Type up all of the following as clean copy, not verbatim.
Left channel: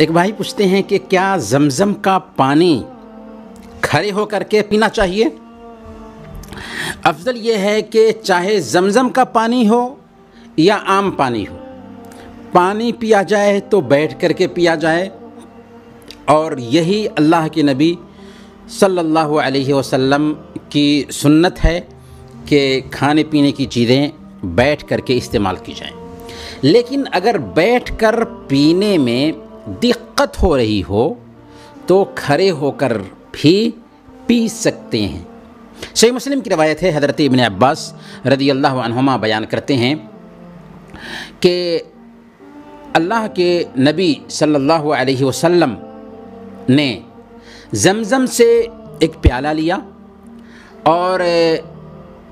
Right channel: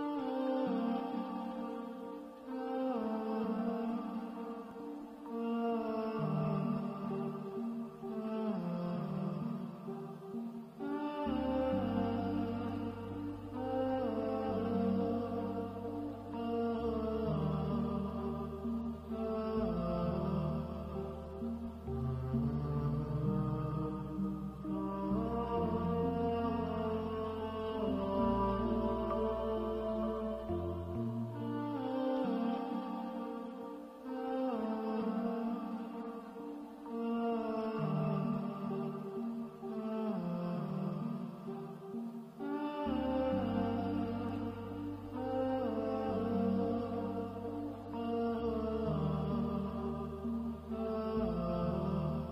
ایک بھائی پوچھتے ہیں کہ کیا زمزم کا پانی کھڑے ہو کر کے پینا چاہیے؟ افضل یہ ہے کہ چاہے زمزم کا پانی ہو یا عام پانی ہو، پانی پیا جائے تو بیٹھ کر کے پیا جائے، اور یہی اللہ کے نبی صلی اللہ علیہ وسلم کی سنت ہے کہ کھانے پینے کی چیزیں بیٹھ کر کے استعمال کی جائیں۔ لیکن اگر بیٹھ کر پینے میں دقت ہو رہی ہو تو کھڑے ہو کر بھی پی سکتے ہیں۔ صحیح مسلم کی روایت ہے، حضرت ابن عباس رضی اللہ عنہما بیان کرتے ہیں کہ اللہ کے نبی صلی اللہ علیہ وسلم نے زمزم سے ایک پیالہ لیا اور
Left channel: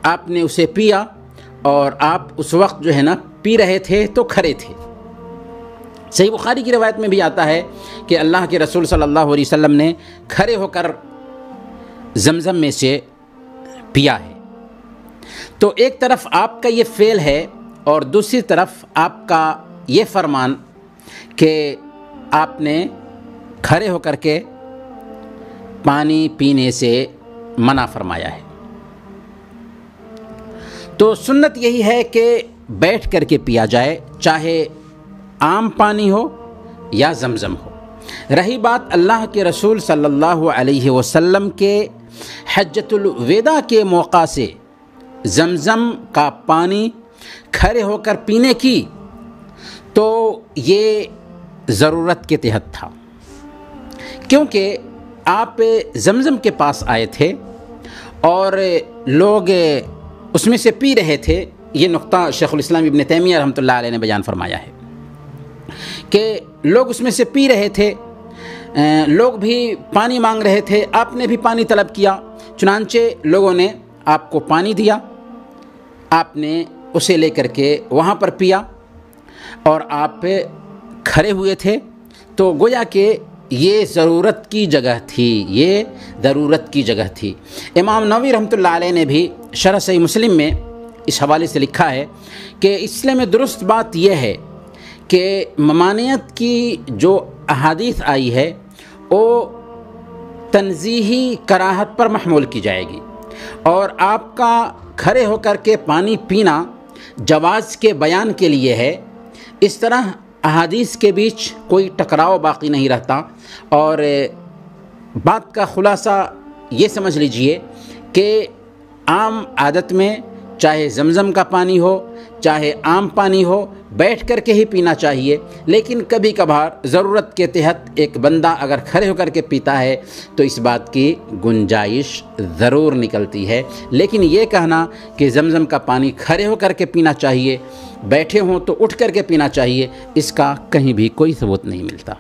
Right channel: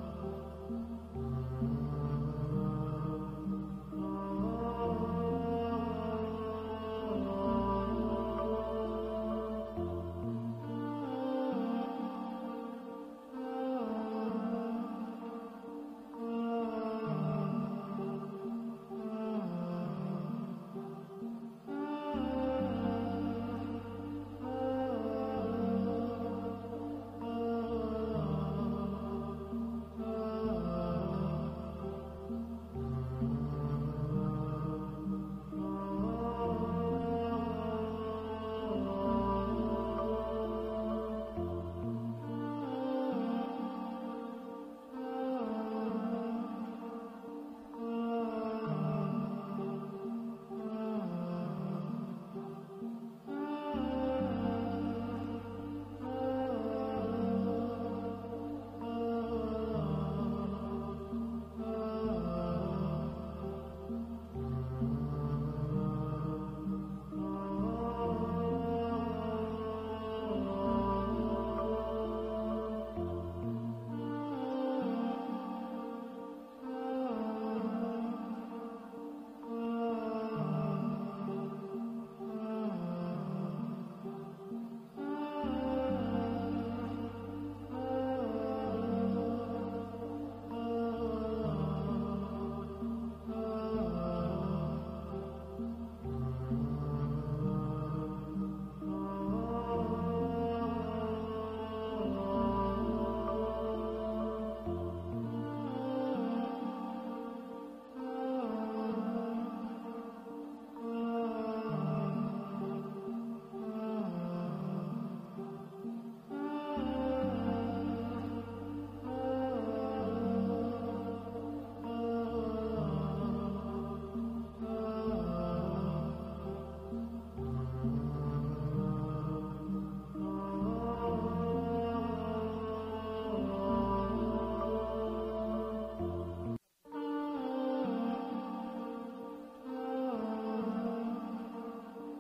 آپ نے اسے پیا، اور آپ اس وقت جو ہے نا پی رہے تھے تو کھڑے تھے۔ صحیح بخاری کی روایت میں بھی آتا ہے کہ اللہ کے رسول صلی اللہ علیہ وسلم نے کھڑے ہو کر زمزم میں سے پیا ہے۔ تو ایک طرف آپ کا یہ فعل ہے اور دوسری طرف آپ کا یہ فرمان کہ آپ نے کھڑے ہو کر کے پانی پینے سے منع فرمایا ہے۔ تو سنت یہی ہے کہ بیٹھ کر کے پیا جائے، چاہے عام پانی ہو یا زمزم ہو۔ رہی بات اللہ کے رسول صلی اللہ علیہ وسلم کے حجۃ الوداع کے موقع سے زمزم کا پانی کھڑے ہو کر پینے کی، تو یہ ضرورت کے تحت تھا، کیونکہ آپ زمزم کے پاس آئے تھے اور لوگ اس میں سے پی رہے تھے۔ یہ نقطہ شیخ الاسلام ابن تیمیہ رحمۃ اللہ علیہ نے بیان فرمایا ہے کہ لوگ اس میں سے پی رہے تھے، لوگ بھی پانی مانگ رہے تھے، آپ نے بھی پانی طلب کیا، چنانچہ لوگوں نے آپ کو پانی دیا، آپ نے اسے لے کر کے وہاں پر پیا اور آپ کھڑے ہوئے تھے، تو گویا کہ یہ ضرورت کی جگہ تھی، یہ ضرورت کی جگہ تھی۔ امام نووی رحمۃ اللہ علیہ نے بھی شرح صحیح مسلم میں اس حوالے سے لکھا ہے کہ اس لیے میں درست بات یہ ہے کہ ممانعت کی جو احادیث آئی ہے وہ تنزیہی کراہت پر محمول کی جائے گی، اور آپ کا کھڑے ہو کر کے پانی پینا جواز کے بیان کے لیے ہے۔ اس طرح احادیث کے بیچ کوئی ٹکراؤ باقی نہیں رہتا، اور بات کا خلاصہ یہ سمجھ لیجئے کہ عام عادت میں چاہے زمزم کا پانی ہو چاہے عام پانی ہو، بیٹھ کر کے ہی پینا چاہیے، لیکن کبھی کبھار ضرورت کے تحت ایک بندہ اگر کھڑے ہو کر کے پیتا ہے تو اس بات کی گنجائش ضرور نکلتی ہے۔ لیکن یہ کہنا کہ زمزم کا پانی کھڑے ہو کر کے پینا چاہیے، بیٹھے ہوں تو اٹھ کر کے پینا چاہیے، اس کا کہیں بھی کوئی ثبوت نہیں ملتا۔